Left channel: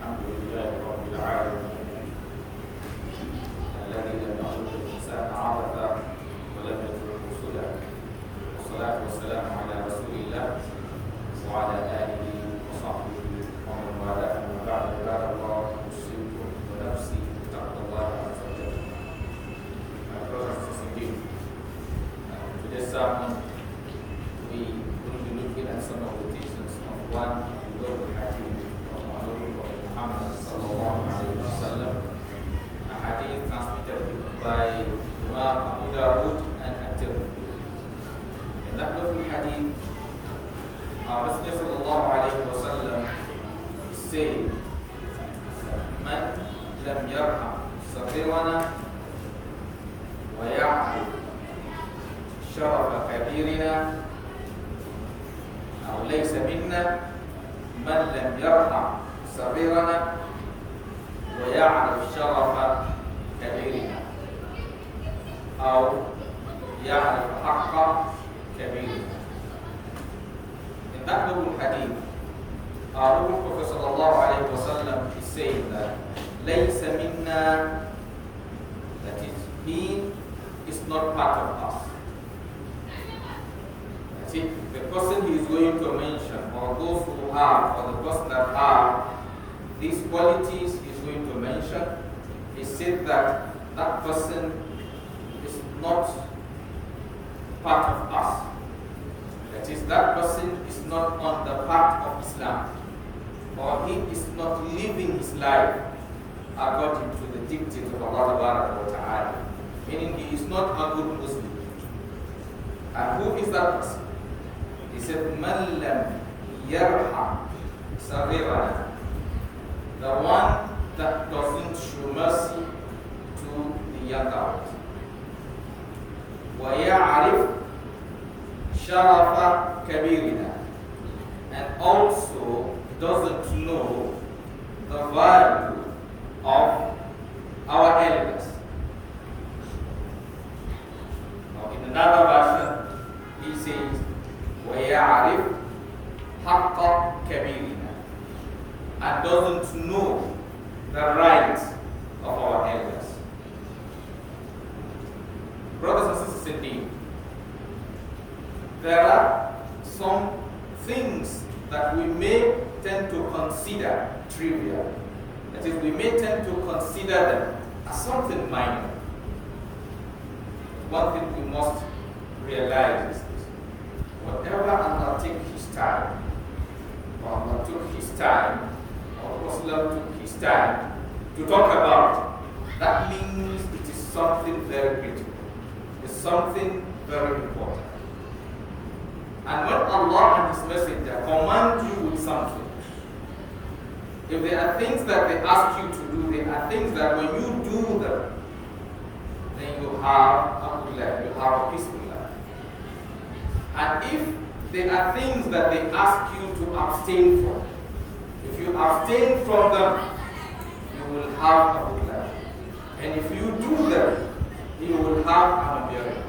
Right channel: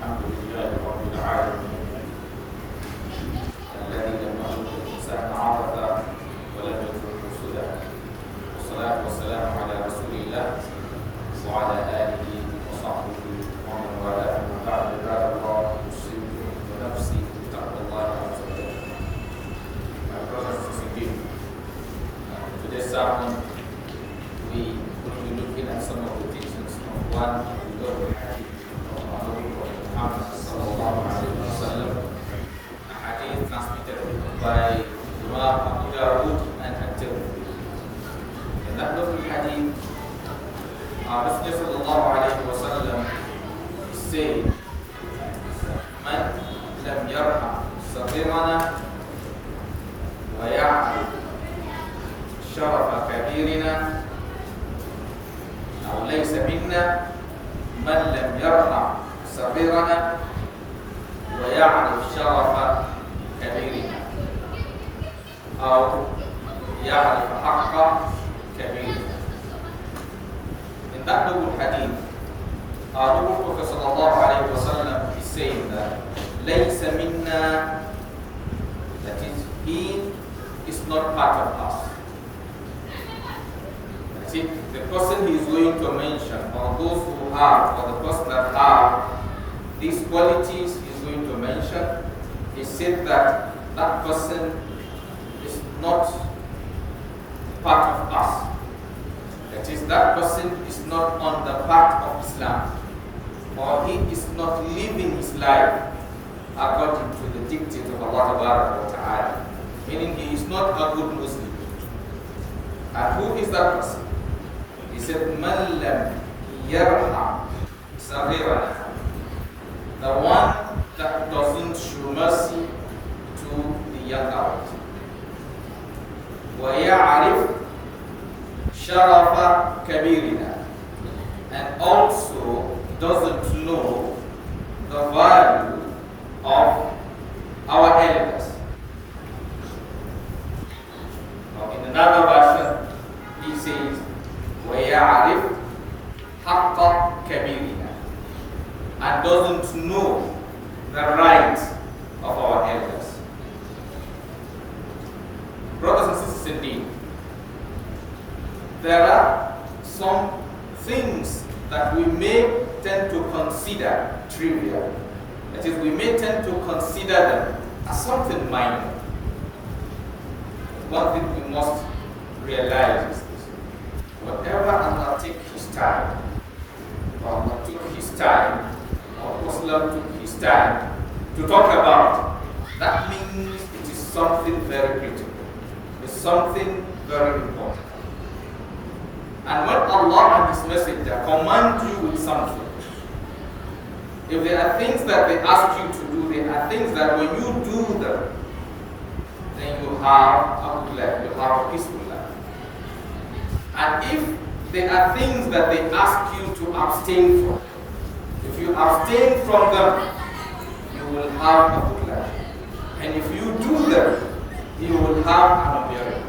الحمد لله رب العالمين الذي لم يخلق الإنسان عبثا ولم يتركه سدى، والصلاة والسلام على رسول الله وعلى آله وصحبه ومن والاه. أما بعد، عباد الله، أوصيكم ونفسي بتقوى الله عز وجل. My brothers and sisters, today's sermon we will be looking at some of the teachings of one global hadith of our Prophet Muhammad sallallahu alaihi wasallam, a hadith transmitted by Imam Abu Dawud and At-Tirmidhi. In that global hadith, our Messenger sallallahu alaihi wasallam said, "Man lam yarham saghirana wa ya'rif sharafa kabirina أو ليس منا من لم يرحم صغيرنا ويعرف شرف كبيرنا أو يعرف حق كبيرنا." In that noble hadith, our noble Prophet sallallahu alaihi wasallam is saying that ليس منا, that is, he is not part of us. See, the person he is going to mention, or those who have, or the person that have these qualities he is going to mention, he said that that person is not part of us. That is, that person is not on the path of Islam, or he is not living his life according to the dictate of Allah Ta'ala, meaning he is not a good Muslim. And who is that person? He said, "Man lam yarham saghirana," the one that doesn't show mercy to the younger ones. Wa ya'rif sharafa kabirina, and also doesn't know the value of our elders. Now, in another version, he says, وَيَعْرِفْ حَقَّ كَبِيرِنَا, and doesn't know the rights of our elders. Brothers and sisters, indeed, there are some things that we may tend to consider trivial. That is, we may tend to consider them as something minor. One thing we must realize is whatever Allah took his time, or Allah took his time, or Muslim took his time to talk about, that means it is something very critical. It's something very important. And when Allah and His Messenger command you with something, if there are things that they ask you to do, there are things that when you do them, then you have a good life, you have a peaceful life. And if there are things that they ask you to abstain from, if you abstain from them, you will have a good life. And if you do them, you will have an unbearable.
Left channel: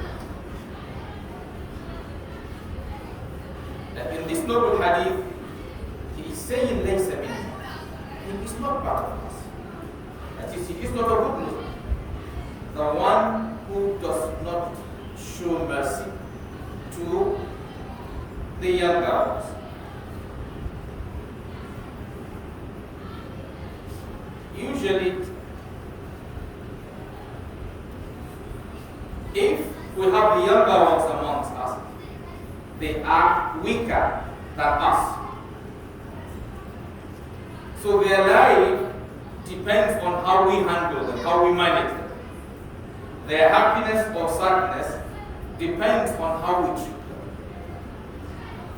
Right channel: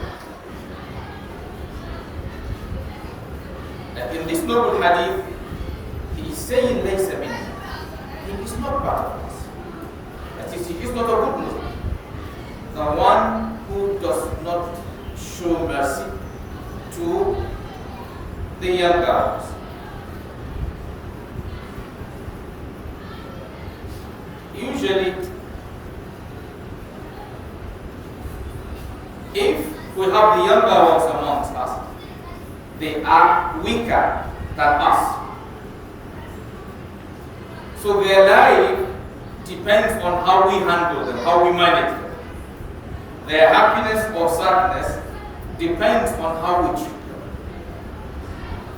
And in this noble hadith, he is saying, "Laysa minna," he is not part of us. That is, he is not a good Muslim. The one who does not show mercy to the younger ones. Usually, if we have the younger ones amongst us, they are weaker than us. So their life depends on how we handle them, how we manage them. Their happiness or sadness depends on how we treat them.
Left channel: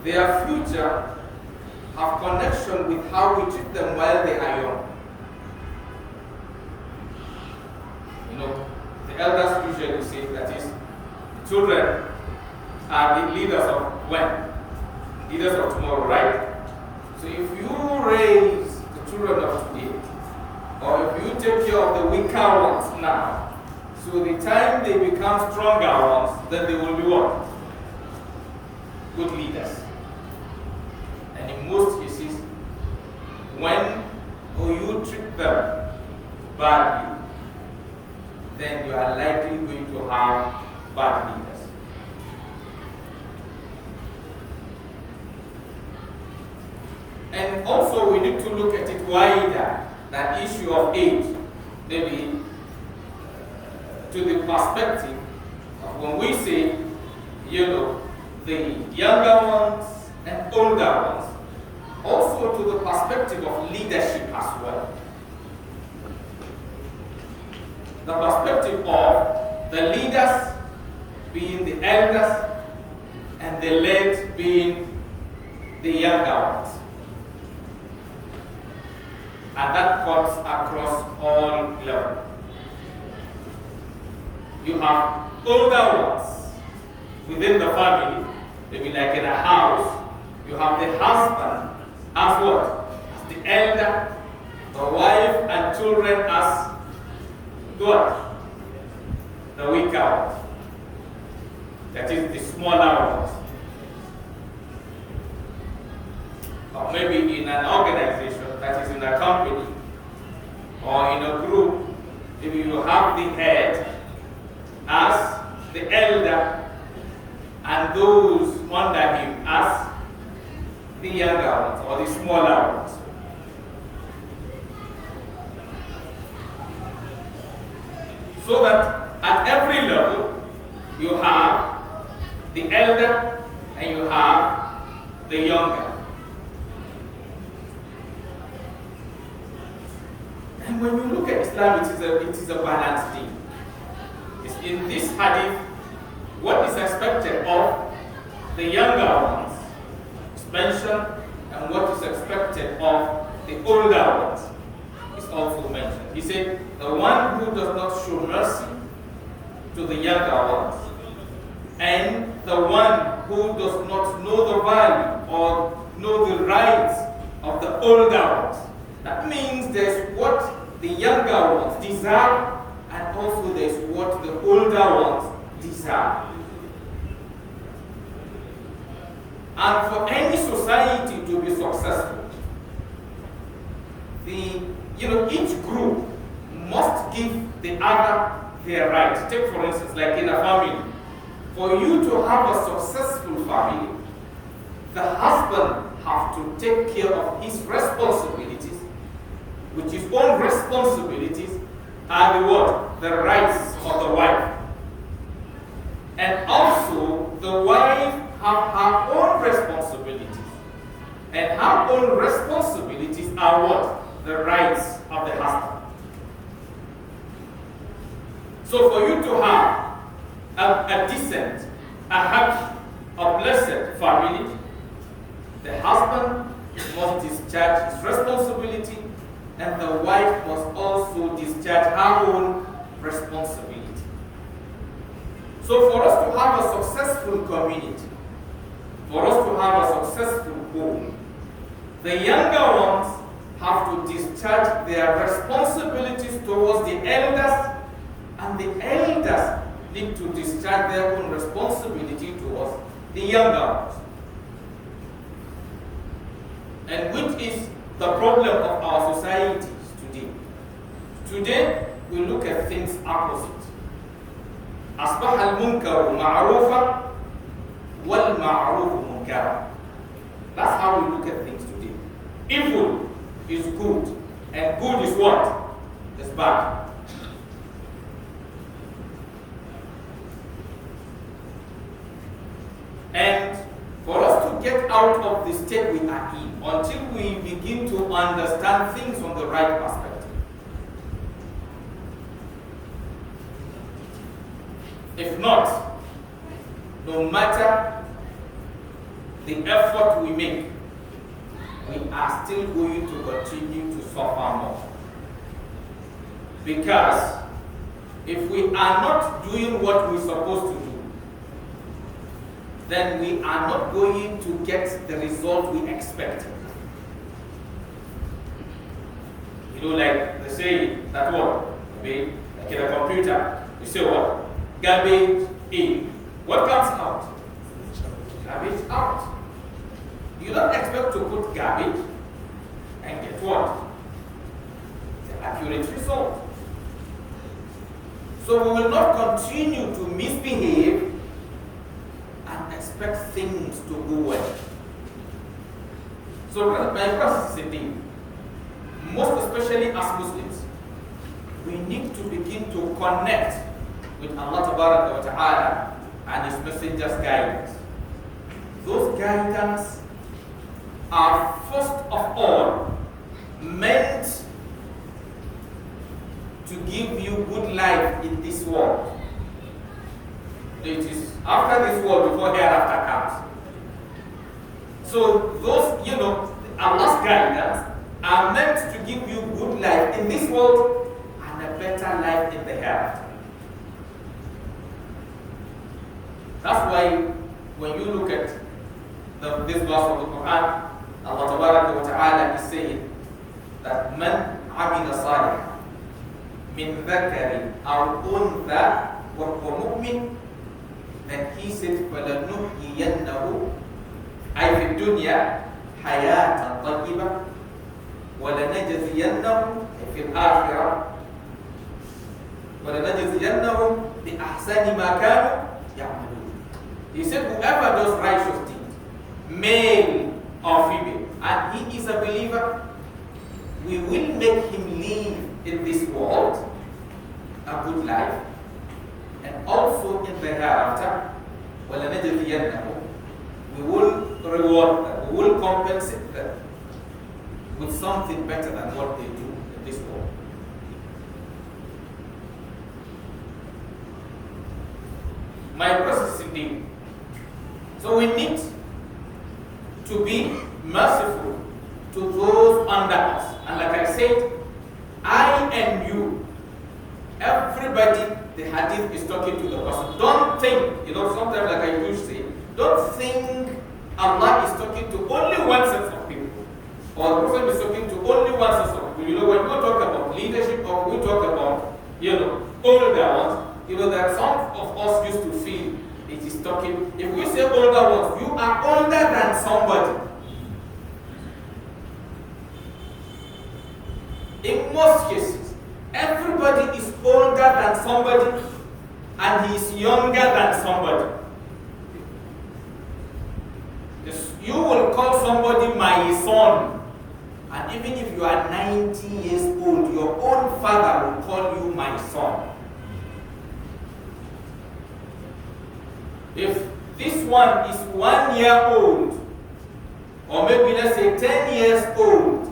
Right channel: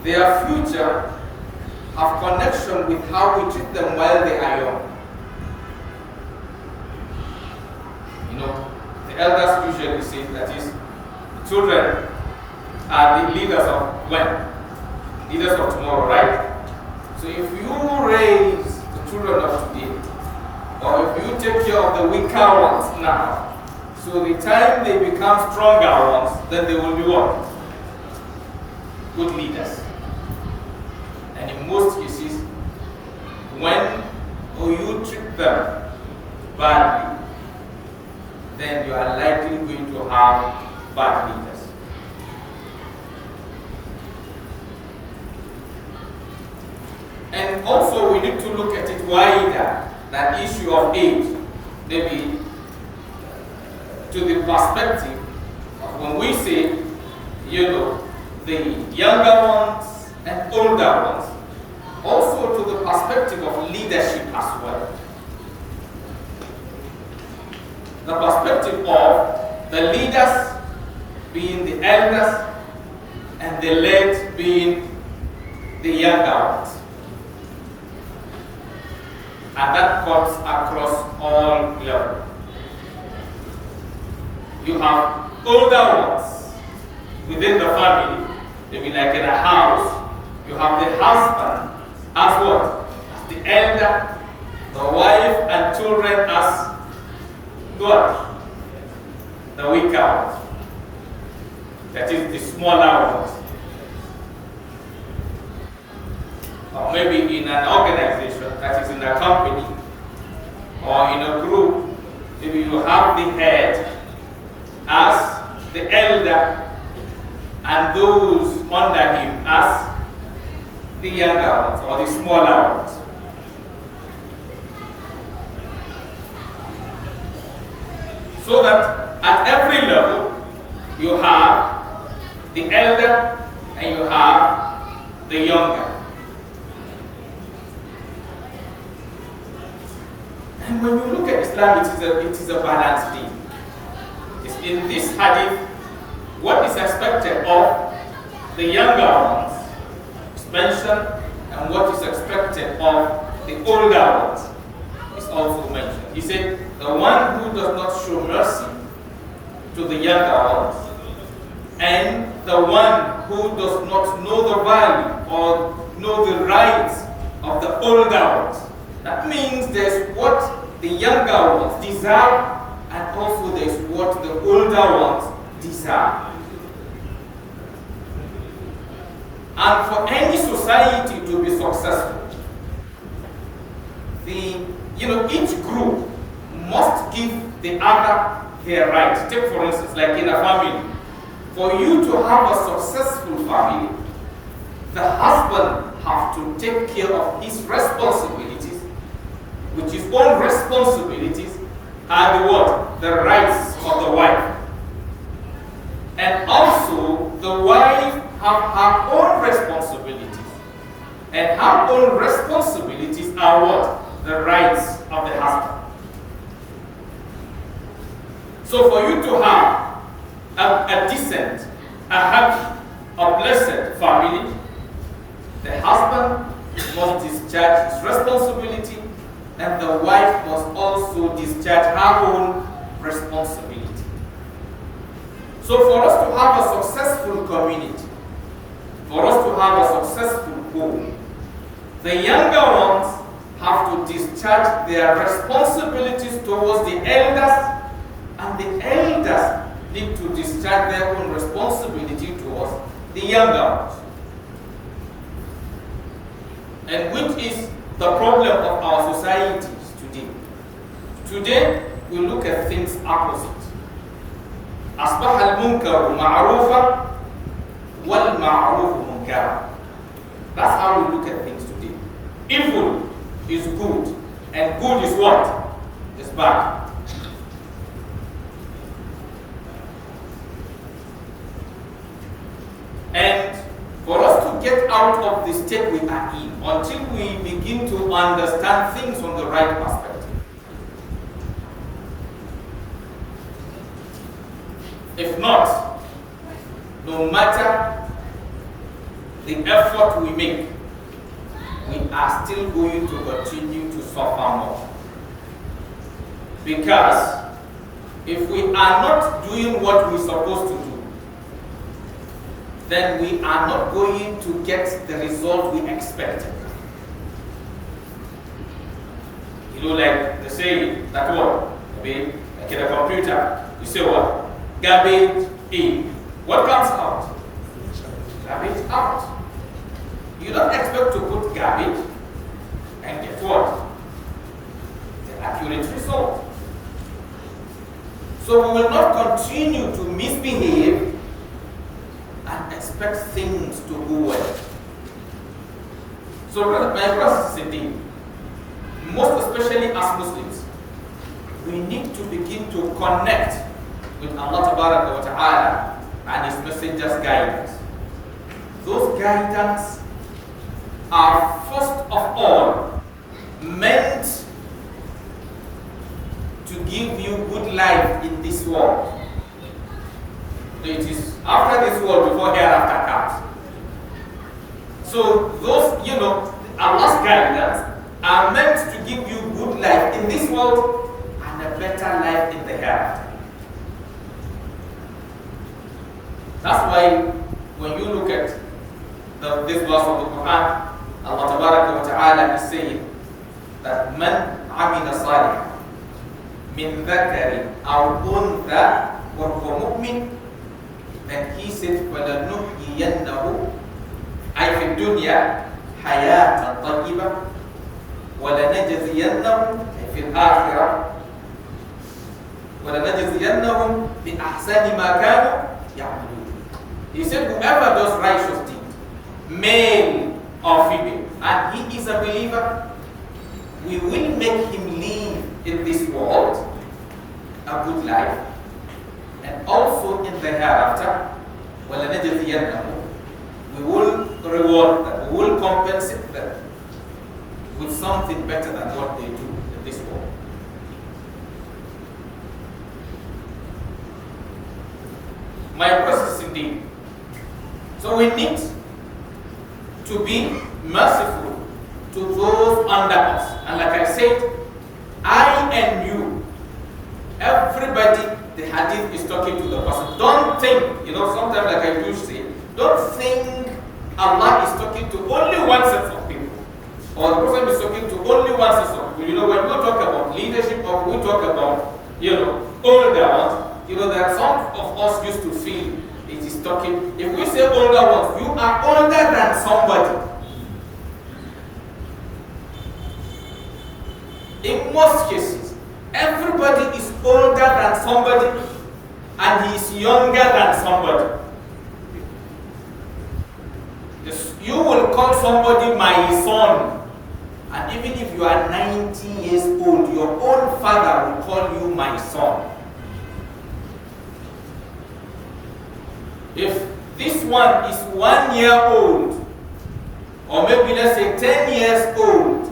Their future have connection with how we treat them while they are young. You know, the elders usually say, that is, the children are the leaders of when? Leaders of tomorrow, right? So if you raise the children of today, or if you take care of the weaker ones now, so the time they become stronger ones, then they will be what? Good leaders. And in most cases, when you treat them badly, then you are likely going to have bad leaders. And also we need to look at it wider than issue of age, maybe to the perspective of when we say, the younger ones and older ones, also to the perspective of leadership as well. The perspective of the leaders being the elders and the led being the younger ones. And that cuts across all levels. You have older ones within the family, maybe like in a house. You have the husband as what? As the elder, the wife and children as what? The weaker ones. That is the smaller ones. Or maybe in an organization, that is in a company, or in a group, maybe you have the head as the elder and those under him as the younger ones or the smaller ones. So that at every level you have the elder and you have the younger. And when you look at Islam, it is a balanced thing. It's in this hadith, what is expected of the younger ones is mentioned, and what is expected of the older ones is also mentioned. He said, the one who does not show mercy to the younger ones, and the one who does not know the value or know the rights of the older ones. That means there's what the younger ones deserve, and also there's what the older ones deserve. And for any society to be successful, each group must give the other their right. Take for instance, like in a family, for you to have a successful family, the husband have to take care of his responsibilities, which his own responsibilities are the what? The rights of the wife. And also, the wife have her own responsibilities. And her own responsibilities are what? The rights of the husband. So for you to have a decent, a happy, a blessed family, the husband must discharge his responsibility, and the wife must also discharge her own responsibility. So for us to have a successful community, for us to have a successful home, the younger ones have to discharge their responsibilities towards the elders, and the elders need to discharge their own responsibility towards the younger ones. And which is the problem of our societies today. Today, we look at things opposite. أصبح المنكر معروفا والمعروف منكرا. That's how we look at things today. Evil is good, and good is what? Is bad. And for us to get out of the state we are in, until we begin to understand things from the right perspective, if not, no matter the effort we make, we are still going to continue to suffer more. Because if we are not doing what we're supposed to do, then we are not going to get the result we expected. Like they say that what? Like in a computer, you say what? Garbage in. What comes out? Garbage out. You don't expect to put garbage and get what? So we will not continue to misbehave and expect things to go well. So my brothers and sisters, most especially as Muslims, we need to begin to connect with Allah wa Ta'ala and His Messenger's guidance. Those guidance are first of all meant to give you good life in this world. It is after this world before hereafter comes. So those, Allah's guidance are meant to give you good life in this world and a better life in the hereafter. That's why when you look at this verse of the Quran, Allah Ta'ala is saying that man amila salih min dhakarin aw untha wa huwa mu'min, and he said فَلَنُحْيِيَنَّهُ أي في الدنيا حياة طيبة ولنجزينهم في الآخرة ولنجزينهم بأحسن ما كانوا يعملون. He said whoever does righteous deeds, male or female, and he is a believer, we will make him live in this world a good life, and also in the hereafter, وَلَنَجْزِيَنَّهُمْ, we will reward them, we will compensate them with something better than what they do in this world. My process indeed. So we need to be merciful to those under us. And like I said, I and you, everybody, the hadith is talking to the person. Don't think, sometimes like I do say, don't think Allah is talking to only one set of people, or the person is talking to only one set of people. When we talk about leadership, or we talk about, older ones, there are some of us used to feel it is talking. If we say older ones, you are older than somebody. In most cases, everybody is older than somebody, and he is younger than somebody. Yes, you will call somebody my son, and even if you are 90 years old, your own father will call you my son. If this one is 1 year old, or maybe let's say 10 years old,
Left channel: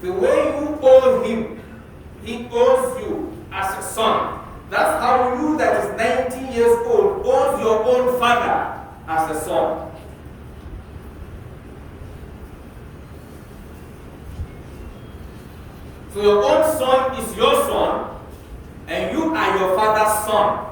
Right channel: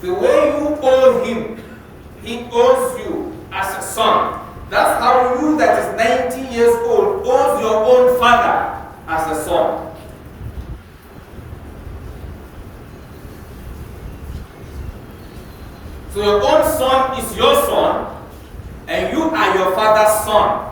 the way you owe him, he owes you as a son. That's how you that is 90 years old owes your own father as a son. So your own son is your son, and you are your father's son.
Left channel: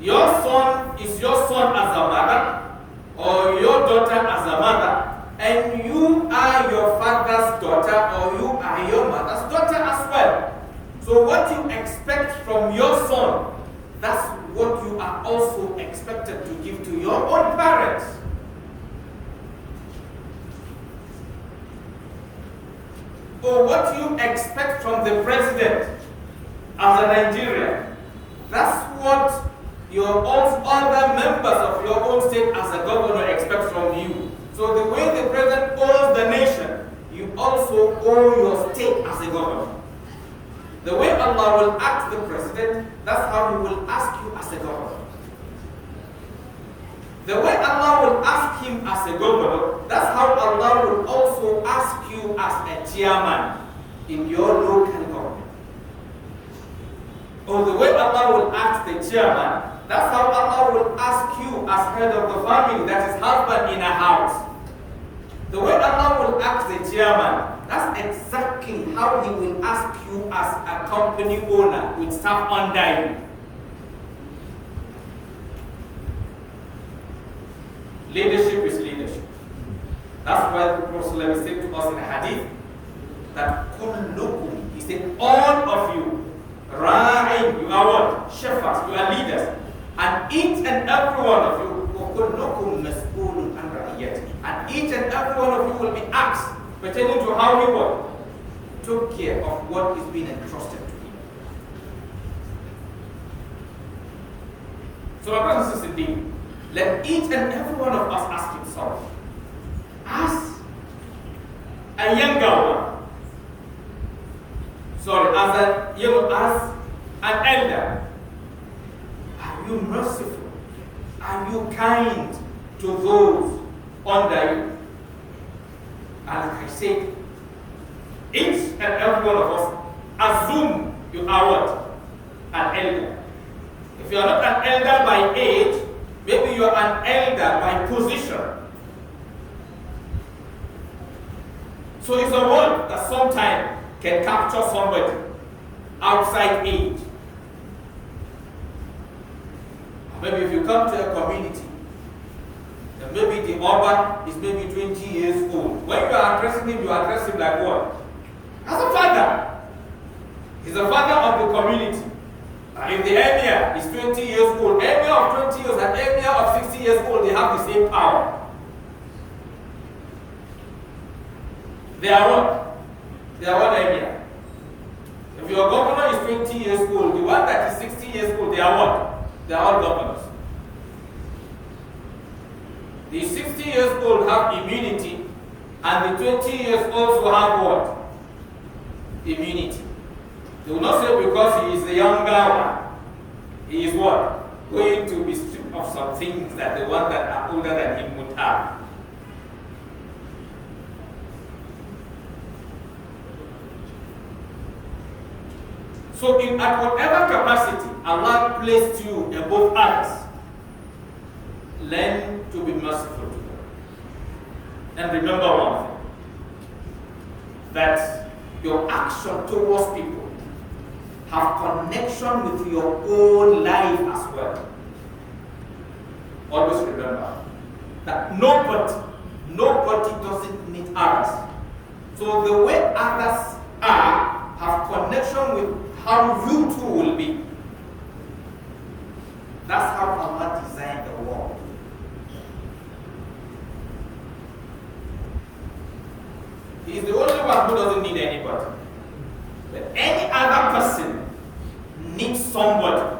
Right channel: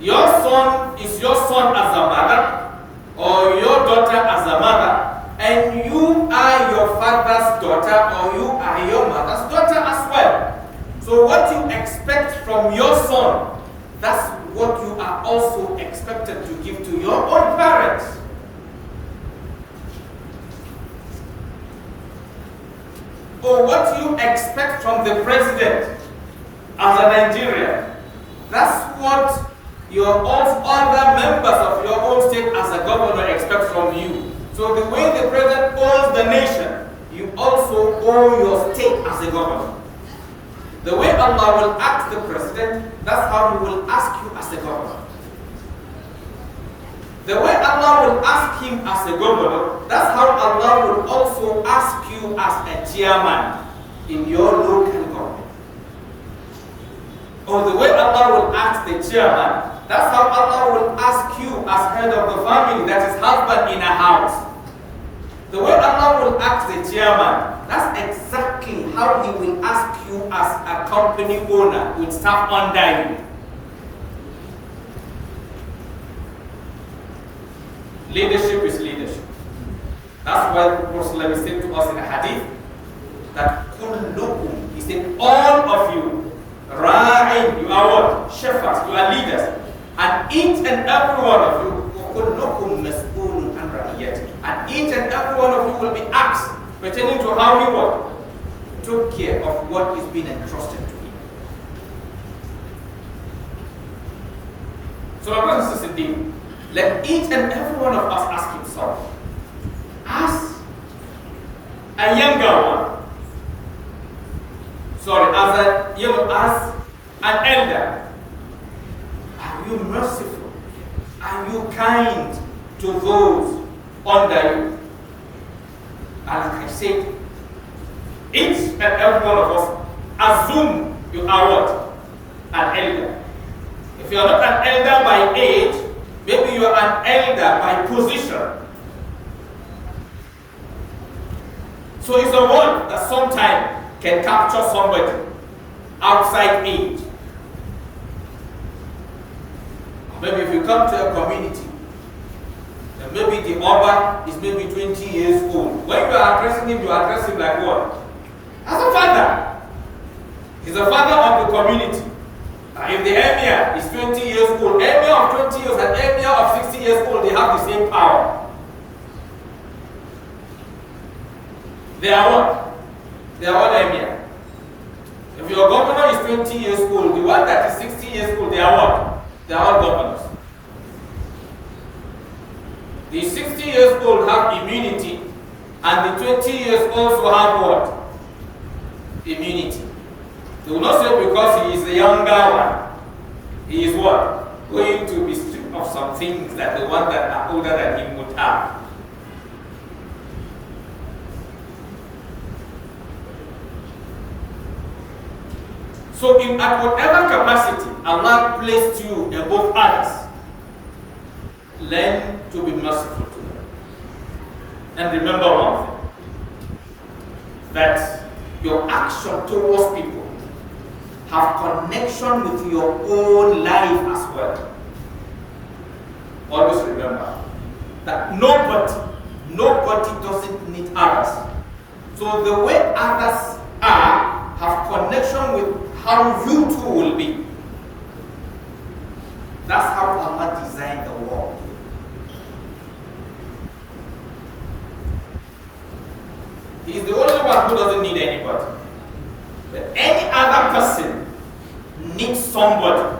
Your son is your son as a mother, or your daughter as a mother, and you are your father's daughter, or you are your mother's daughter as well. So what you expect from your son, that's what you are also expected to give to your own parents. Or what you expect from the president as a Nigerian, that's what your own other members of your own state as a governor expect from you. So the way the president owes the nation, you also owe your state as a governor. The way Allah will ask the president, that's how He will ask you as a governor. The way Allah will ask him as a governor, that's how Allah will also ask you as a chairman in your local government. Or the way Allah will ask the chairman, that's how Allah will ask you as head of the family, that is husband in a house. The way Allah will ask the chairman, that's exactly how He will ask you as a company owner with staff under you. Leadership is leadership. That's why the Prophet said to us in a hadith that kullukum, he said, all of you, ra'in, you are what? Shepherds, you are leaders. And each and every one of you, kullukum mas'ulun an ra'iyati. And each and every one of you will be asked pertaining to how he what? Took care of what is being entrusted to him. So my brothers and sisters, let each and every one of us ask himself, as a younger one, as an elder, are you merciful? Are you kind to those under you? And like I said, each and every one of us assume you are what? An elder. If you are not an elder by age, maybe you are an elder by position. So it's a word that sometimes can capture somebody outside age. Or maybe if you come to a community, then maybe the Oba is maybe 20 years old. When you are addressing him, you address him like what? As a father. He's a father of the community. If the emir is 20 years old, emir of 20 years and emir of 60 years old, they have the same power. They are what? They are what emir. If your governor is 20 years old, the one that is 60 years old, they are what? They are all governors. The 60 years old have immunity, and the 20 years also have what? Immunity. They will not say because he is the younger one, he is what? Going to be stripped of some things that the one that are older than him would have. So at whatever capacity Allah placed you above others, learn to be merciful to them. And remember one thing, that your action towards people have connection with your own life as well. Always remember that nobody doesn't need others. So the way others are have connection with how you too will be. That's how Allah designed the world. He is the only one who doesn't need anybody. But any other person needs somebody.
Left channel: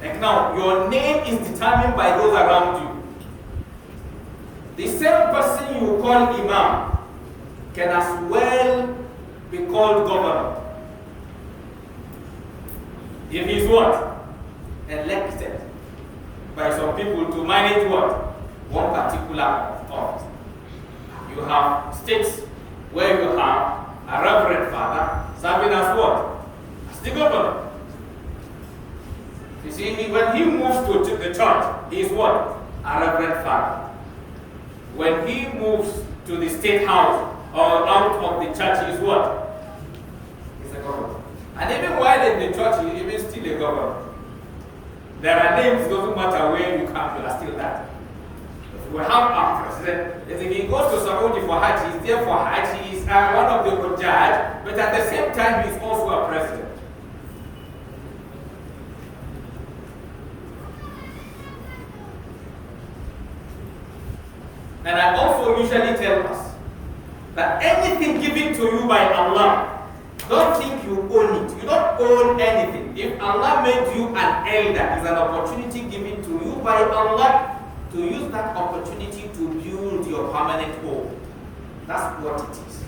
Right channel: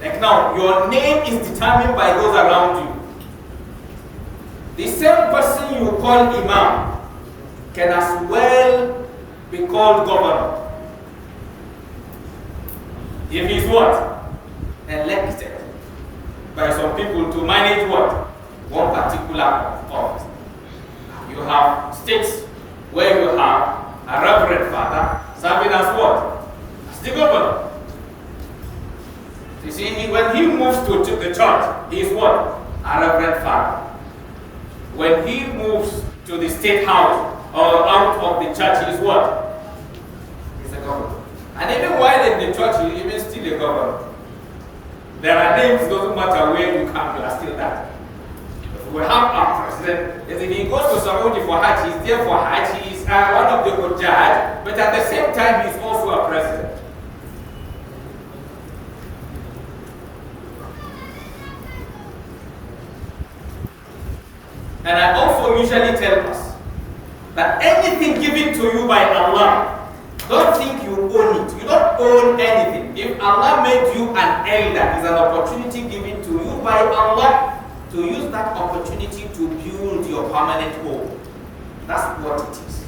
Like now, your name is determined by those around you. The same person you call Imam can as well be called governor. If he's what? Elected by some people to manage what? One particular office. You have states where you have a reverend father serving as what? As the governor. You see, when he moves to the church, he is what? A reverend father. When he moves to the state house or out of the church, he is what? He's a governor. And even while in the church, he is still a governor. There are names, doesn't matter where you come, you are still that. We have our president. If he goes to Saudi for Hajj, he's there for Hajj. He's one of the Hujjaj, but at the same time, he's also a president. And I also usually tell us that anything given to you by Allah, don't think you own it. You don't own anything. If Allah made you an elder, it's an opportunity given to you by Allah to use that opportunity to build your permanent home. That's what it is.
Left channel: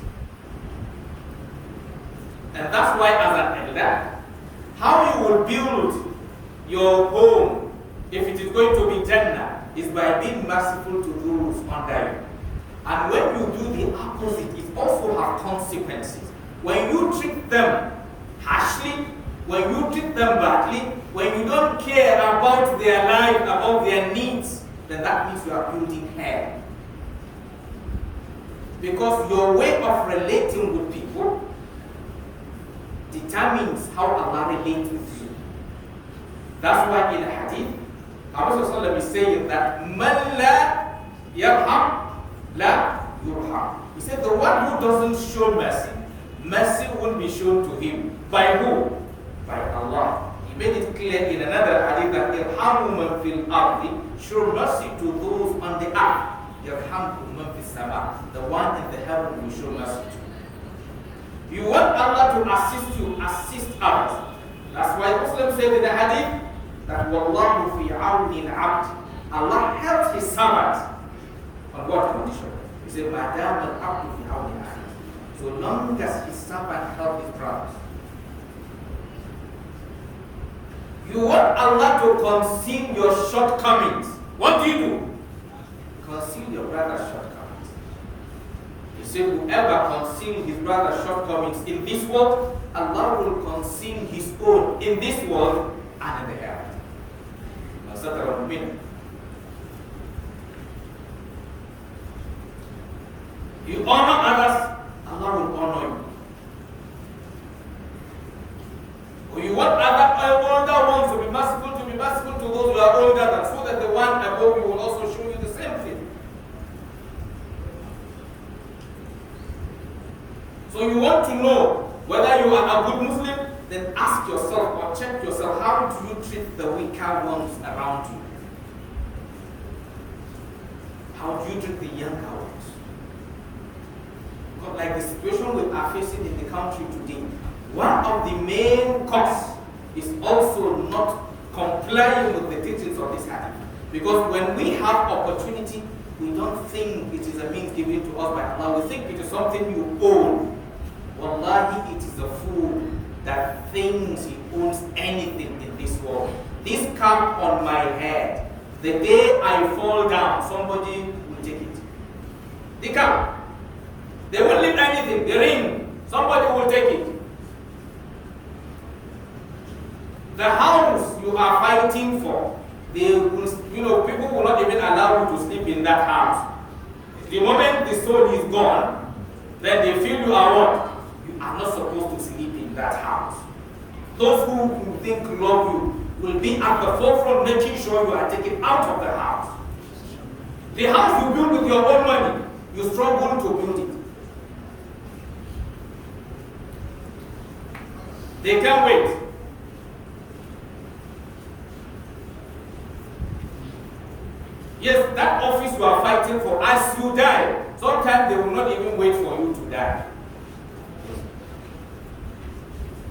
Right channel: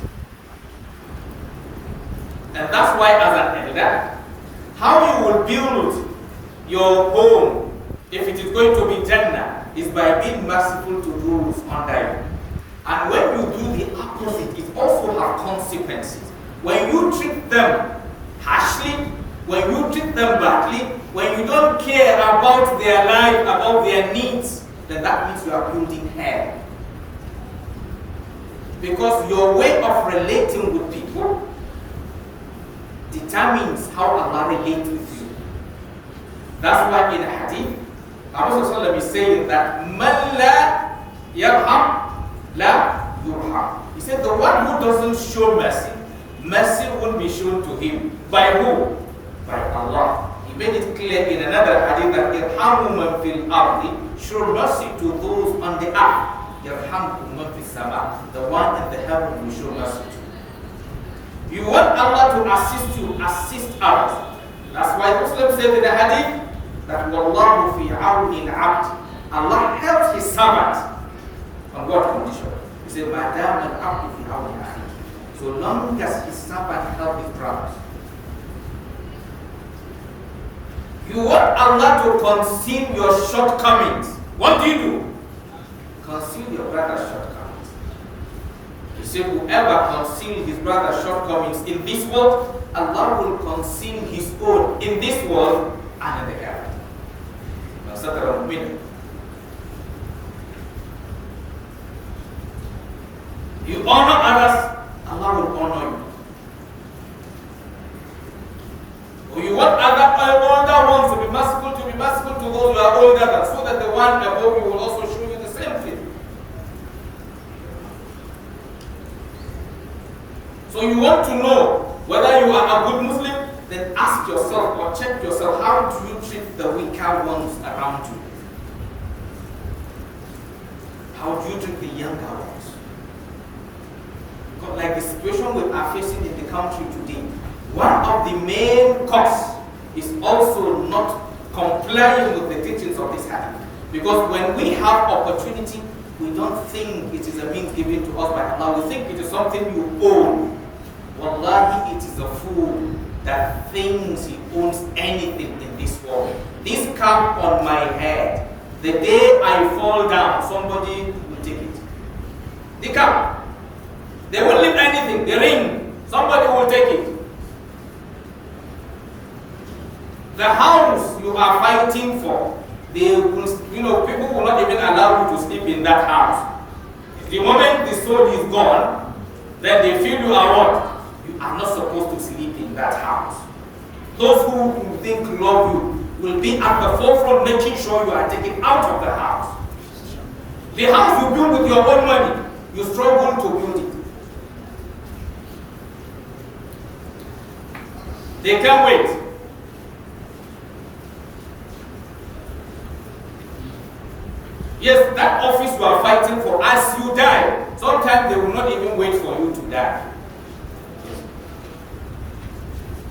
And that's why as an elder, how you will build your home, if it is going to be Jannah, is by being merciful to those under you. And when you do the opposite, it also has consequences. When you treat them harshly, when you treat them badly, when you don't care about their life, about their needs, then that means you are building hell. Because your way of relating with people determines how Allah relates with you. That's why in Hadith, Prophet is saying that Man la yarham la yurham. He said the one who doesn't show mercy, mercy won't be shown to him. By who? By Allah. He made it clear in another hadith that irhamu man fil ardi, show mercy to those on the earth. Yarhamkum man fis sama, the one in the heaven will show mercy to. You want Allah to assist you, assist others. That's why Muslims say in the hadith that Wallahu fi awni al-abd. Allah helps his servant on what condition? He said, Madam al-abdu fi awni akhi. So long as his servant helps his brothers. You want Allah to conceal your shortcomings. What do? Conceal your brother's shortcomings. He said, whoever conceals his brother's shortcomings in this world, Allah will conceal his own in this world and in the hereafter. You honor others, Allah will honor you. Or you want other older ones to be merciful to those who are older than, so that the one above you will also show you the same thing. So you want to know whether you are a good Muslim, then ask yourself or check yourself, how do you treat the weaker ones around you? How do you treat the younger ones? Because like the situation we are facing in the country today, one of the main causes is also not complying with the teachings of this hadith. Because when we have opportunity, we don't think it is a means given to us by Allah. We think it is something you own. Wallahi, it is a fool that thinks he owns anything in this world. This cap on my head, the day I fall down, somebody will take it. The cap. They won't leave anything. The ring, somebody will take it. The house you are fighting for, they will, people will not even allow you to sleep in that house. The moment the soul is gone, then they feel you are what? You are not supposed to sleep in that house. Those who you think love you will be at the forefront making sure you are taken out of the house. The house you build with your own money, you struggle to build it. They can't wait. Yes, that office you are fighting for, as you die, sometimes they will not even wait for you to die.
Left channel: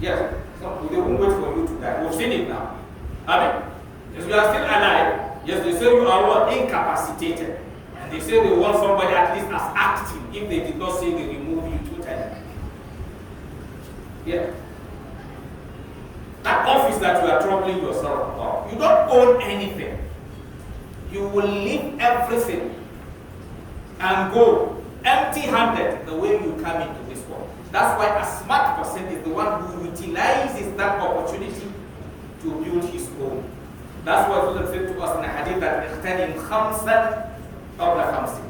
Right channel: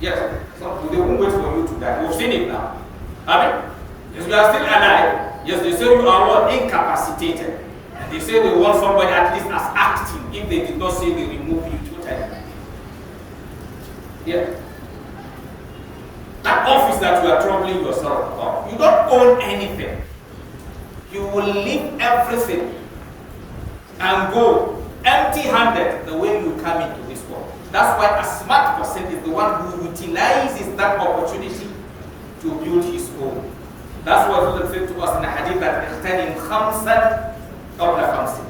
Yes, they won't wait for you to die. We've seen it now. Yes, you are still alive. Yes, they say you are what? Incapacitated. And they say they want somebody at least as acting. If they did not say they remove you totally. Yeah. That office that you are troubling yourself about, you don't own anything. You will leave everything and go empty-handed the way you come into this world. That's why a smart person is the one who utilizes that opportunity to build his home. That's what Allah said to us in the hadith that اغتنم خمسا قبل خمس.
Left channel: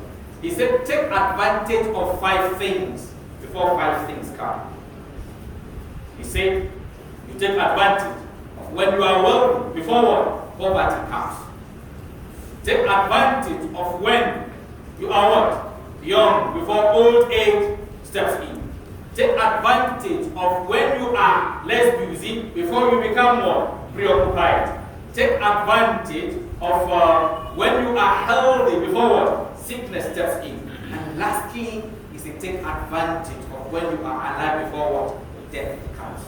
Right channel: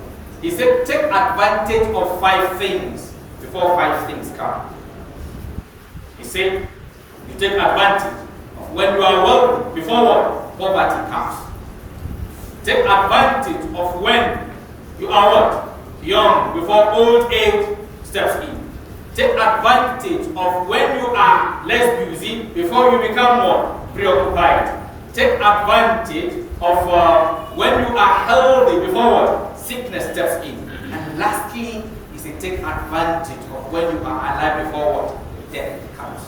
He said, take advantage of 5 things before 5 things come. He said, you take advantage of when you are wealthy before what? Poverty comes. Take advantage of when you are what? Young, before old age steps in. Take advantage of when you are less busy before you become more preoccupied. Take advantage of when you are healthy before what? Sickness steps in. And lastly, is to take advantage of when you are alive before what? Death comes.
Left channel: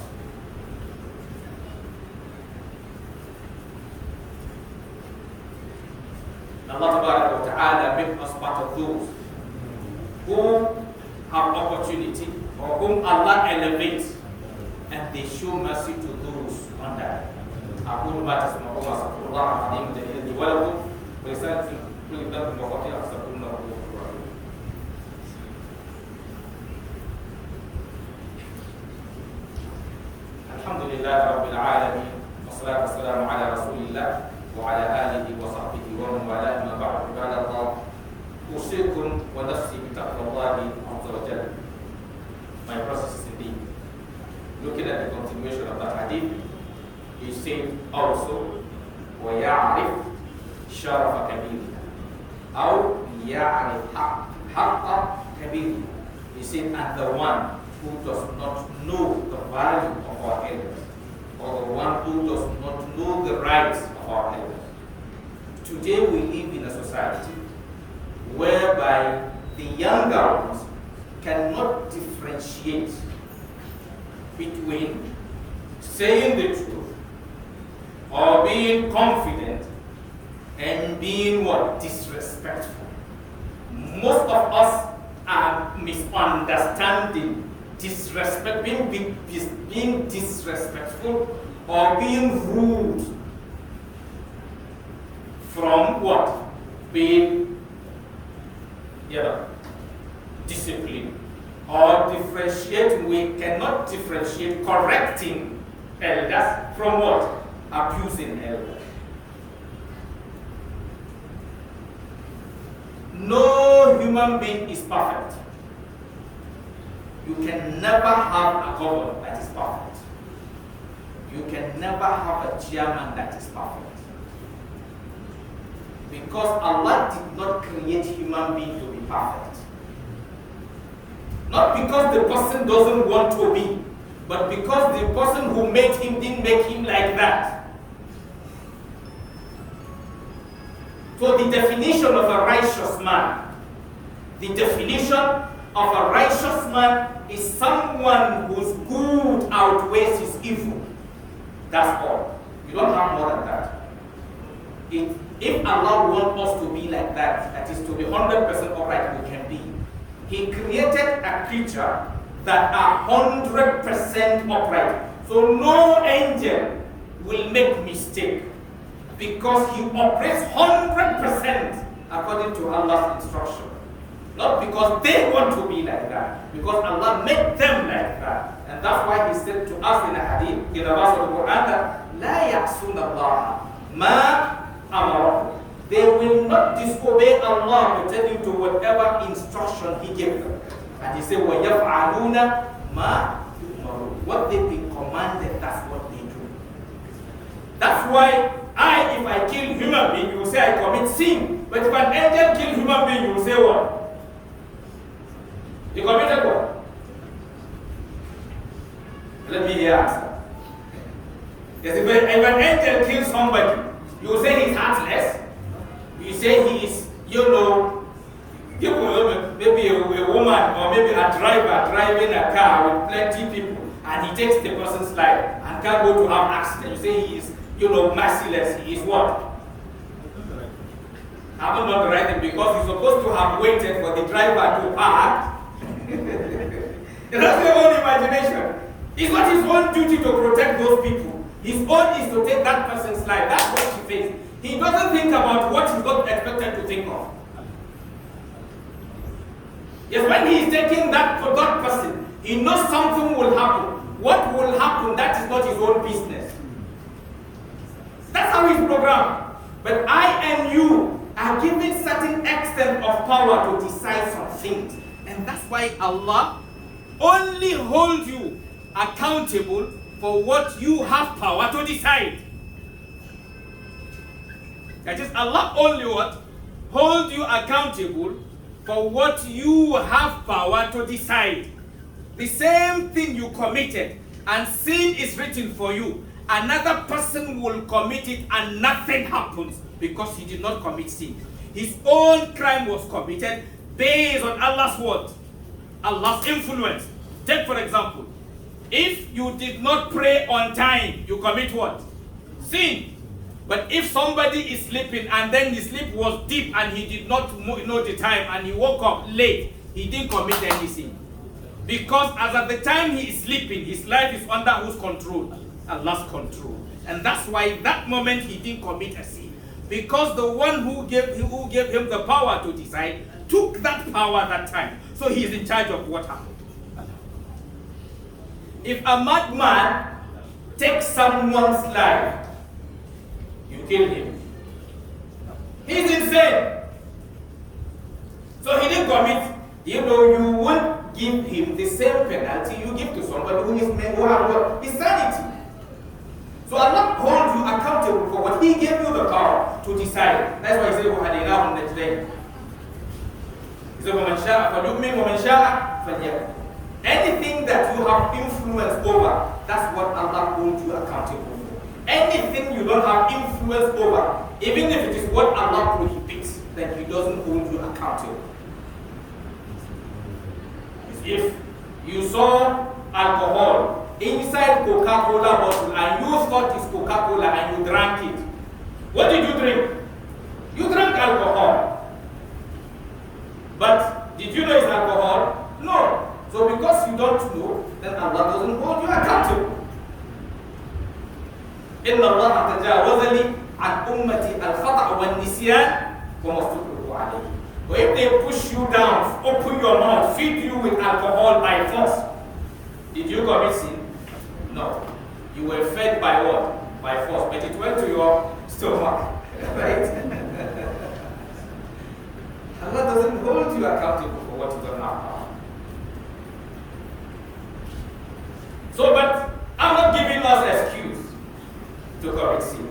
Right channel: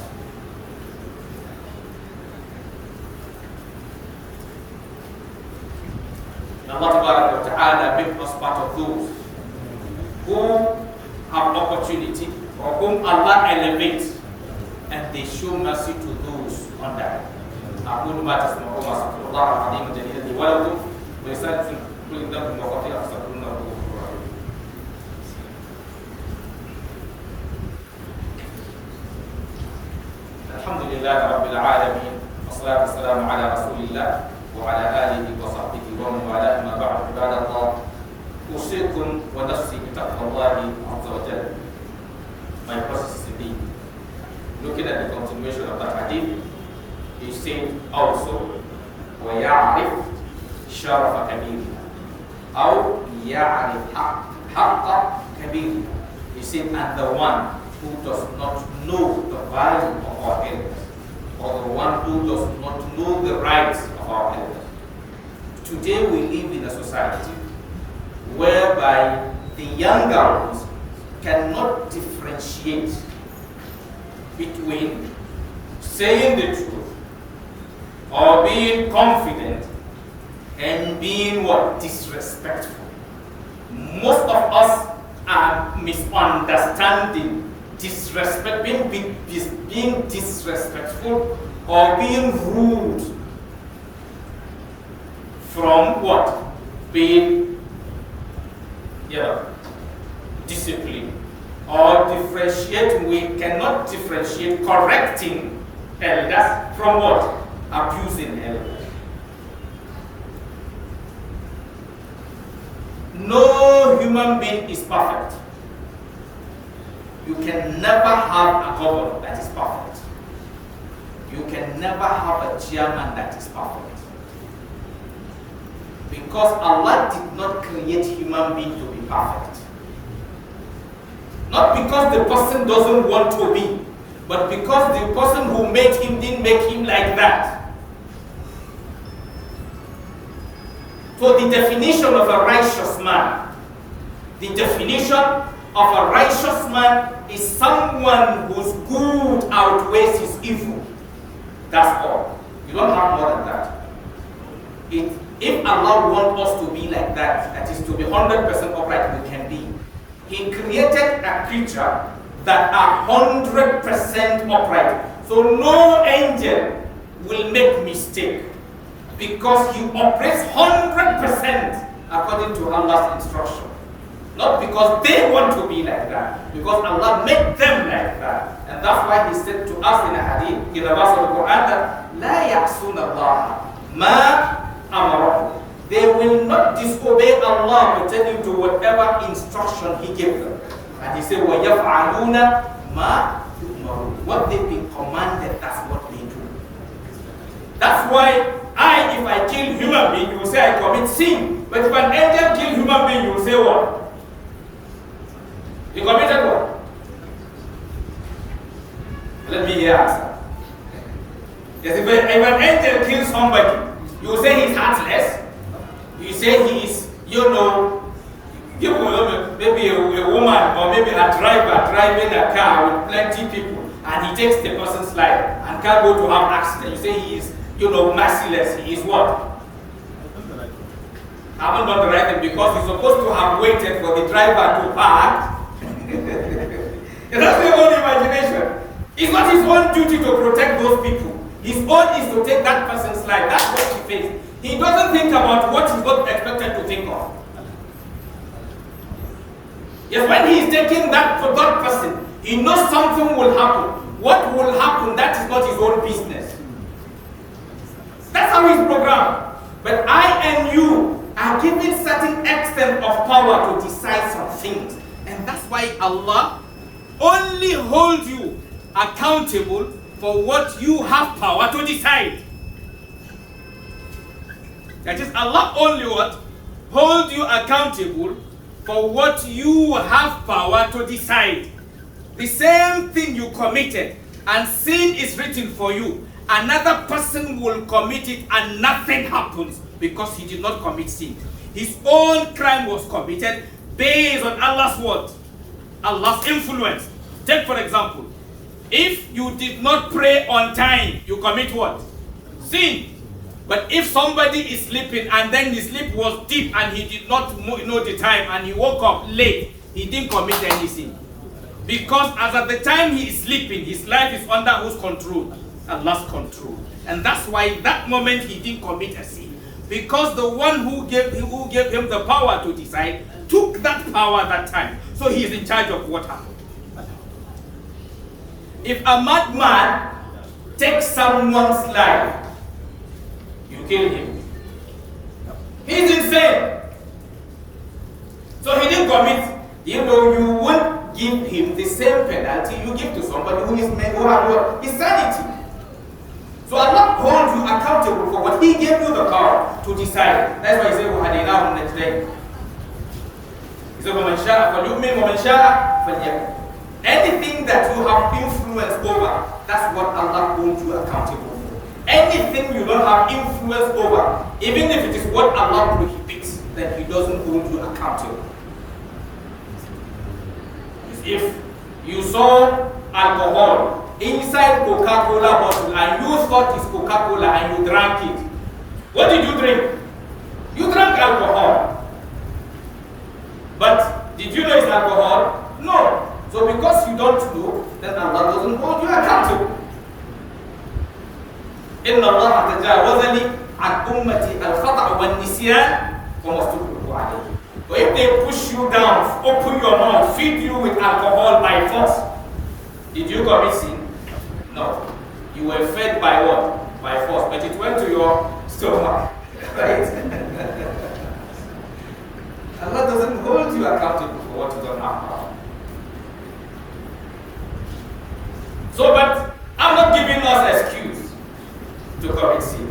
Allah Ta'ala make us part of those who have opportunity or whom Allah elevates and they show mercy to those under them. أقول ما تسمعون وأستغفر الله العظيم الجليل لي ولكم ولسائر في كل ذنب وخطيئة فاستغفروه إنه هو الغفور الرحيم. الحمد لله رب العالمين والصلاة والسلام على رسول الله وعلى آله وصحبه ومن والاه ما بعد عباد الله أوصيكم ونفسي بتقوى الله عز وجل. My process is indeed looking at the continuation of that hadith. He said also ويعرف شرف كبيرنا أو يعرف حق كبيرنا. He said, and the one who does not know the value of our elders, or the one who does not know the rights of our elders. Today we live in a society whereby the younger ones cannot differentiate between saying the truth, or being confident, and being what? Disrespectful. Most of us are misunderstanding disrespect, being disrespectful or being rude from what? Being disciplined. Or differentiate, we cannot differentiate correcting elders from what? Abusing elders. No human being is perfect. You can never have a governor that is perfect. You can never have a chairman that is perfect. Because Allah did not create human being to be perfect. Not because the person doesn't want to be, but because the person who made him didn't make him like that. So the definition of a righteous man, is someone whose good outweighs his evil. That's all. You don't have more than that. If Allah wants us to be like that, that is to be 100% upright, we can be. He created a creature that are 100% upright. So no angel will make mistake because he operates 100% according to Allah's instruction. Not because they want to be like that, because Allah made them like that. And that's why he said to us in a hadith, in the verse of the Quran, that لا يعصون الله ما أمرهم. They will not disobey Allah pertaining to whatever instruction He gave them. And He said, وَيَفْعَلُونَ مَا يُؤْمَرُونَ. What they've been commanded, that's what they do. That's why if I kill human being, you will say I commit sin. But if an angel kill human being, you will say what? You committed what? Let me hear answer. Yes, if an angel kills somebody, you will say he's heartless. You say he is, maybe a woman or maybe a driver driving a car with plenty people and he takes the person's life and can't go to have accident. You say he is, merciless. He is what? I haven't done the right thing because he's supposed to have waited for the driver to park. That's your own imagination. It's not his own duty to protect those people. His own is to take that person's life. That's what he faced. He doesn't think about what he's not expected to think of. Yes, when he is taking that for that person, he knows something will happen. What will happen, that is not his own business. That's how he's programmed. But I and you are given certain extent of power to decide some things. And that's why Allah only holds you accountable for what you have power to decide. That is, Allah only what? Hold you accountable for what you have power to decide. The same thing you committed and sin is written for you, another person will commit it and nothing happens because he did not commit sin. His own crime was committed based on Allah's word, Allah's influence. Take for example, if you did not pray on time, you commit what? Sin. But if somebody is sleeping and then his sleep was deep and he did not know the time and he woke up late, he didn't commit any sin. Because as at the time he is sleeping, his life is under whose control? Allah's control. And that's why that moment he didn't commit a sin. Because the one who gave him the power to decide took that power that time. So he is in charge of what happened. If a madman takes someone's life, you kill him. He's insane. So he didn't commit. You won't give him the same penalty you give to somebody who has insanity. So Allah holds you accountable for what He gave you the power to decide. That's why He said, وَهَدَيْنَاهُ النَّجْدَيْنِ. He said, وَمَنْ شَاءَ فَلْيُؤْمِنْ وَمَنْ شَاءَ فَلْيَكْفُرْ. Anything that you have influence over, that's what Allah holds you accountable for. Anything you don't have influence over, even if it is what Allah prohibits, then He doesn't hold you accountable. If you saw alcohol inside Coca-Cola bottle and you thought it's Coca-Cola and you drank it. What did you drink? You drank alcohol. But did you know it's alcohol? No. So because you don't know, then Allah doesn't hold you accountable. إن الله تجاوز لي عن أمتي الخطأ والنسيان وما استكرهوا عليه. But if they push you down, open your mouth, feed you with alcohol by force, did you commit sin? No. You were fed by what? By force, but it went to your stomach, right? Allah doesn't hold you accountable for what you don't have. So, but I'm not giving us an excuse to commit sin.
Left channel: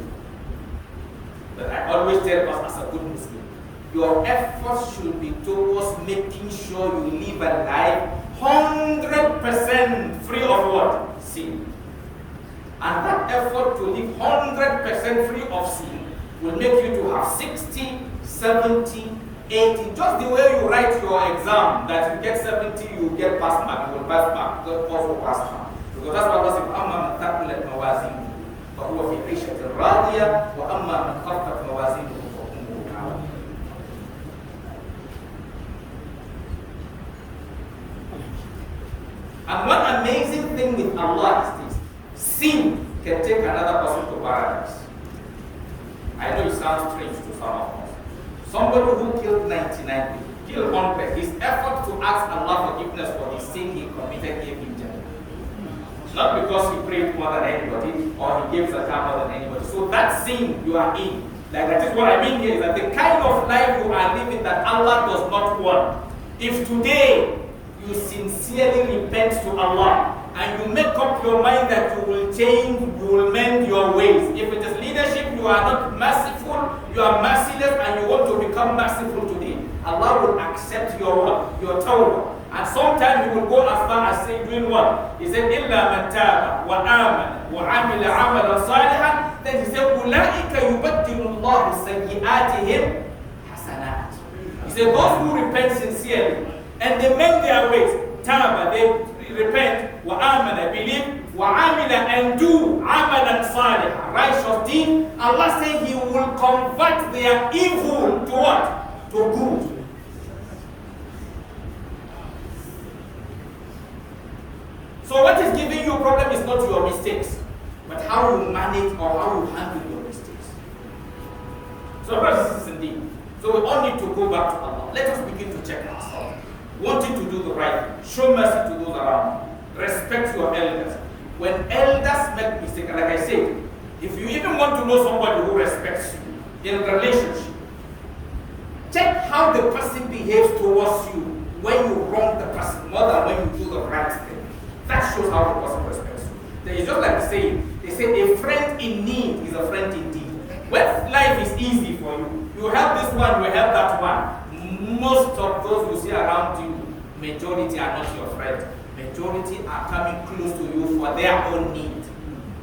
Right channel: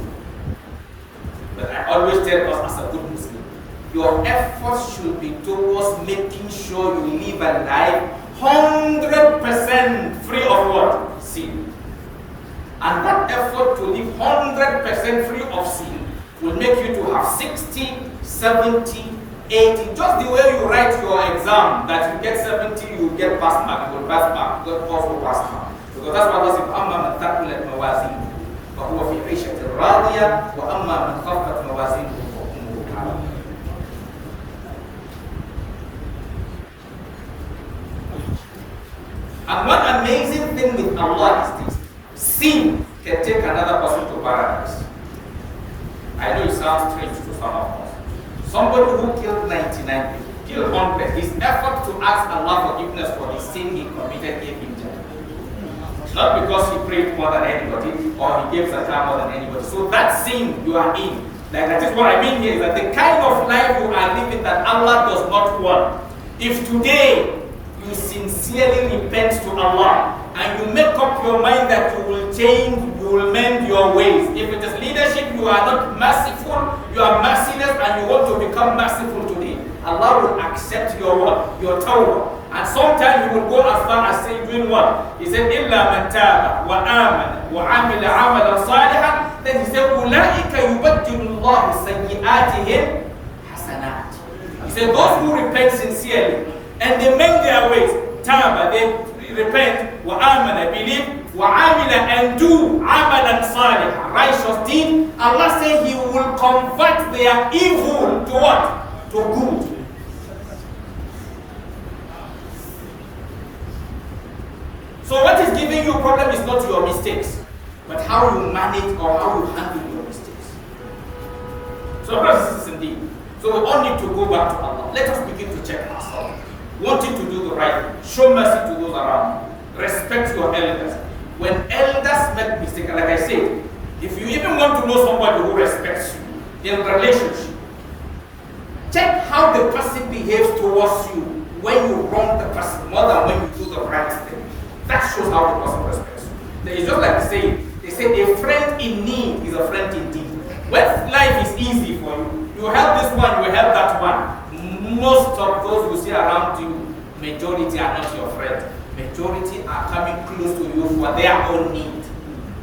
But I always tell us as a good Muslim, your efforts should be towards making sure you live a life 100% free of what? Sin. And that effort to live 100% free of sin will make you to have 60, 70, 80. Just the way you write your exam, that you get 70, you get pass mark, you will pass mark, you will also pass mark. Because that's what Allah says, أَمَّا مَنْ ثَقُلَتْ مَوَازِينُهُ فَهُوَ فِي عِيشَةٍ رَاضِيَةٍ وَأَمَّا مَنْ خَفَّتْ مَوَازِينُهُ فَأُمُّهُ هَاوِيَةٌ. And one amazing thing with Allah is this: sin can take another person to paradise. I know it sounds strange to some of us. Somebody who killed 99 people, killed 100, his effort to ask Allah forgiveness for the sin he committed gave him Jannah. Not because he prayed more than anybody or he gave zakah more than anybody. So that sin you are in, like that is what I mean here, is that the kind of life you are living that Allah does not want. If today you sincerely repent to Allah and you make up your mind that you will change, you will mend your ways. If it is leadership, you are not merciful, you are merciless, and you want to become merciful today, Allah will accept your what? Your tawbah. And sometimes you will go as far as saying, doing what? He said, إِلَّا مَنْ تَابَ وَآمَنَ وَعَمِلَ عَمَلًا صَالِحًا. Then he said, أُولَٰئِكَ يُبَدِّلُ اللَّهُ سَيِّئَاتِهِمْ حَسَنَاتٍ. He said, those who repent sincerely and they mend their ways, taba, they repent, وَآمَنَ, believe, وَعَمِلَ, and do عَمَلًا صَالِحًا, righteous deed, Allah said He will convert their evil to what? To good. So what is giving you a problem is not your mistakes, but how you manage or how you handle your mistakes. So brothers and sisters, indeed. So we all need to go back to Allah. Let us begin to check ourselves. Wanting to do the right thing, show mercy to those around you, respect your elders. When elders make mistakes, like I said, if you even want to know somebody who respects you in relationship, check how the person behaves towards you when you wrong the person more than when you do the right thing. That shows how the person respects you. It's just like they say a friend in need is a friend indeed. When life is easy for you, you help this one, you help that one. Most of those you see around you, majority are not your friends. Majority are coming close to you for their own need,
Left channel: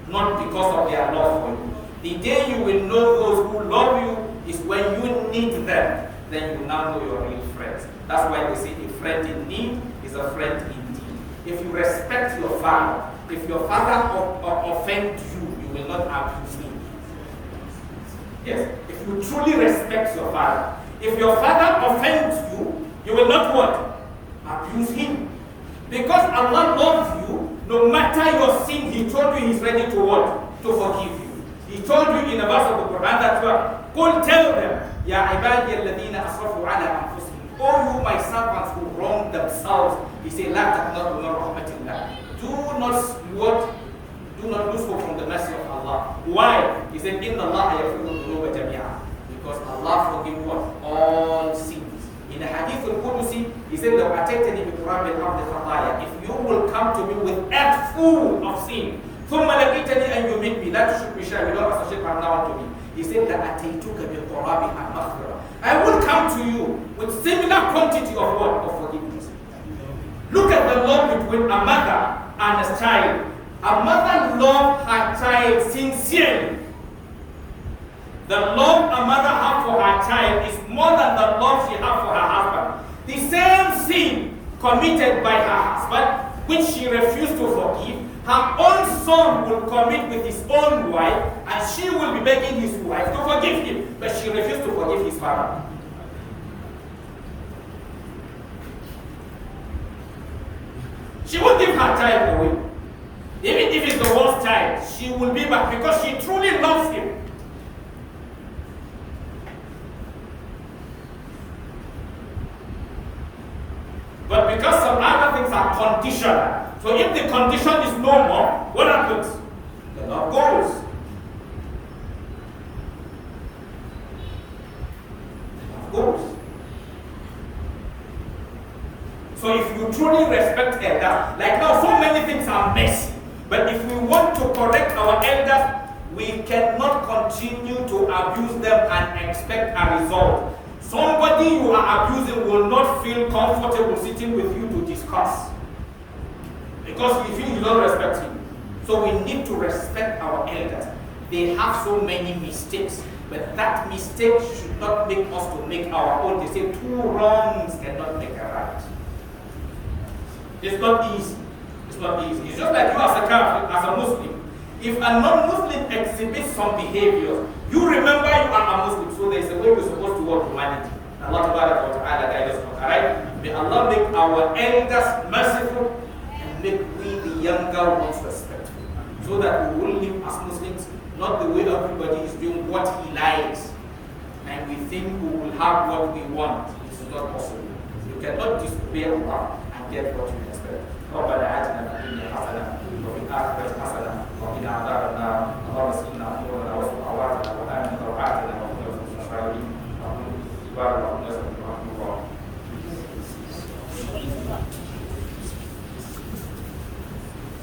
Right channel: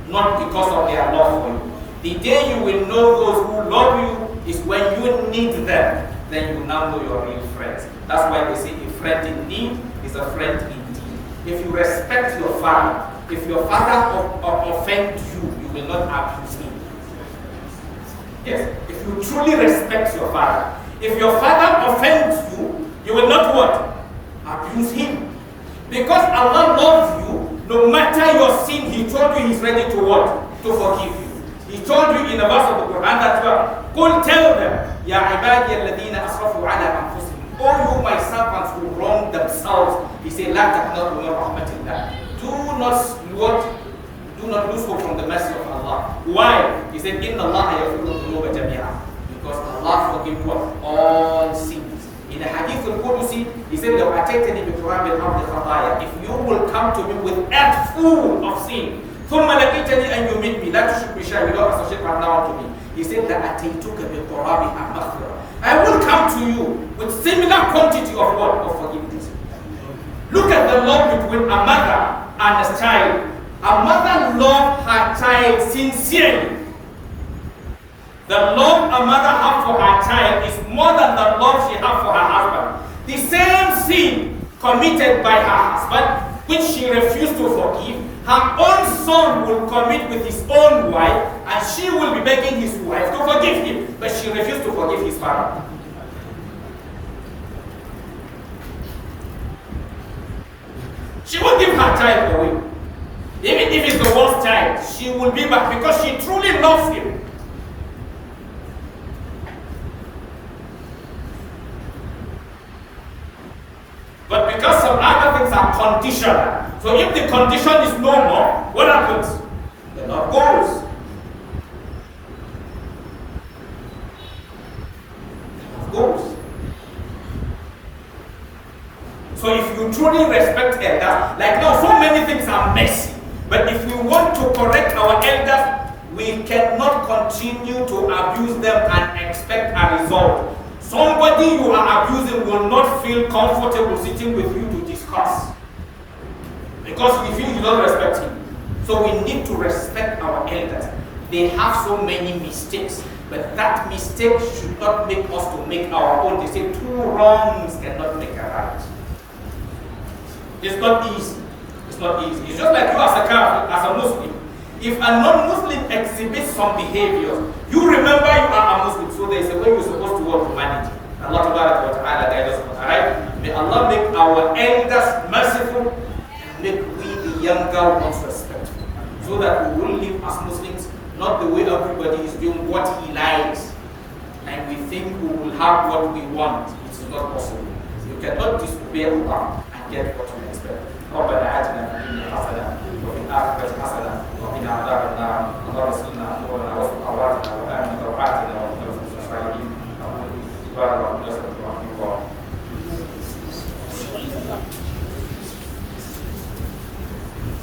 not because of their love for you. The day you will know those who love you is when you need them. Then you will now know your real friends. That's why they say a friend in need is a friend indeed. If you respect your father, if your father offends you, you will not abuse him. Yes, if you truly respect your father, if your father offends you, you will not what? Abuse him. Because Allah loves you, no matter your sin, He told you He's ready to what? To forgive you. He told you in a verse of the Quran that قُلْ tell them, يَا عِبَادِيَ الَّذِينَ أَسْرَفُوا عَلَىٰ أَنفُسِهِمْ. Oh, you my servants who wrong themselves. He said, لَا تَقْنَطُوا مِنْ رَحْمَةِ اللَّهِ. Do not lose hope from the mercy of Allah. Why? He said, إِنَّ اللَّهَ يَغْفِرُ الذُّنُوبَ جَمِيعًا. Because Allah forgives what? All sins. In the Hadith al-Qudusi, He said, لَوْ أَتَيْتَنِي بِقُرَابِ الْأَرْضِ خَطَايَا. If you will come to me with earth full of sin, ثُمَّ لَقِيتَنِي أَنْ يُمِتْ لَا تُشْرِكْ بِي شَيْئًا. You don't associate partner to me. He said, لَأَتَيْتُكَ بِقُرَابِهَا مَغْفِرَةً. I will come to you with similar quantity of what? Of forgiveness. Look at the love between a mother and a child. A mother loves her child sincerely. The love a mother has for her child is more than the love she has for her husband. The same sin committed by her husband, which she refused to forgive, Her own son will commit with his own wife, and she will be begging his wife to forgive him, but she refused to forgive his father. She won't give her child away. Even if it's the worst child, she will be back because she truly loves him. But because some other things are conditional, so if the condition is no more, what happens? The love goes. The love goes. So if you truly respect elders, like now so many things are messy, but if we want to correct our elders, we cannot continue to abuse them and expect a result. Somebody you are abusing will not feel comfortable sitting with you to discuss, because he feels you don't respect him. So we need to respect our elders. They have so many mistakes, but that mistake should not make us to make our own. They say two wrongs cannot make a right. It's not easy. It's not easy. It's just like you as a Catholic, as a Muslim. If a non-Muslim exhibits some behaviors, you remember you are a Muslim, so there is a way you're supposed to work humanity. Allah Ta'ala guide us. Alright? May Allah make our elders merciful and make we the younger ones respectful, so that we will live as Muslims, not the way everybody is doing what he likes, and we think we will have what we want. It is not possible. You cannot disobey Allah and get what you expect. ربنا آتنا في الدنيا حسنة وفي الآخرة حسنة وقنا عذاب النار. اللهم اغفر لنا أمورنا واستر عوراتنا وآمن روعاتنا وقنا في الصالحين. سبحان ربنا